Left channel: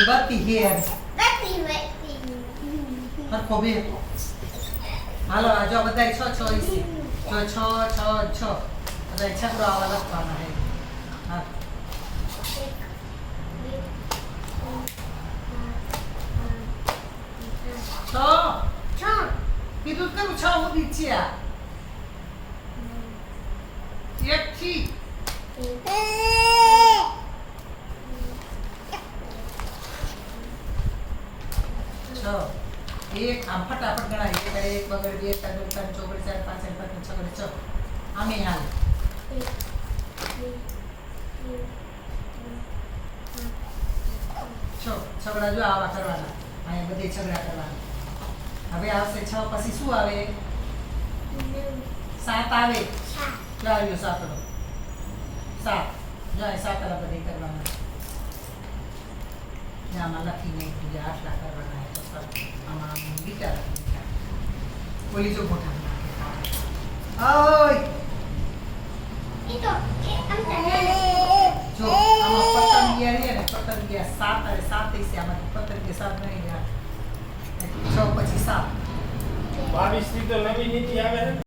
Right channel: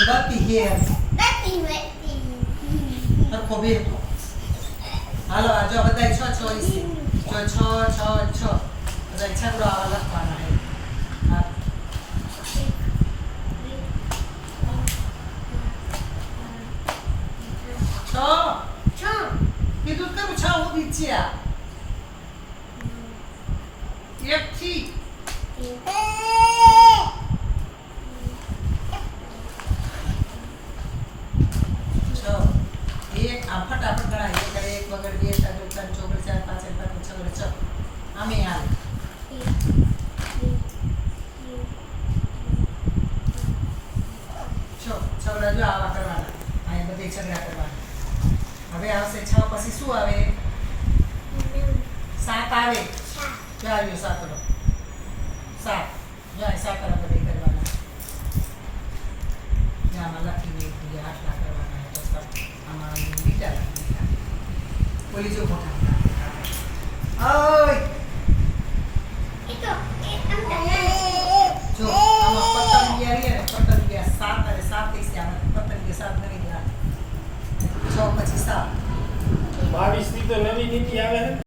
બત્તી hair સરખો બે હાલો આ જો બધા છ છ છે જો છ છ છ બધા છગડો આવા લખવાના હે હા છ કીધું તો કરું છ ઉભી જ છે આ એક થી છ એક આમ ફટાફટ ગણાય એક એક બગડ બે ત્રણ ત્રણ ચોગડ ચાર પાંચ પાંચ છગડ છ આમે હાલે છગડા જો આવા કરવાના અહીંયા બધે છગડા કરવાના હવે આવશે છ પછી શું આવે સાત આવે જો આવ્યો સાતડો સાત જો આ સાતડા બધે કરવાના આમાં લખીને બીજા આટલા કરવાના પછી આમાં બીટા લખીને બોલી જો મોટા ઓય જો આમાં પતંગિયા રે ને પતંગિયા સાત અને સાત છે આમાં પતંગિયા સાત નહીં ગયા છ પછી સાત 22 ની તો નવી નીતિ આવે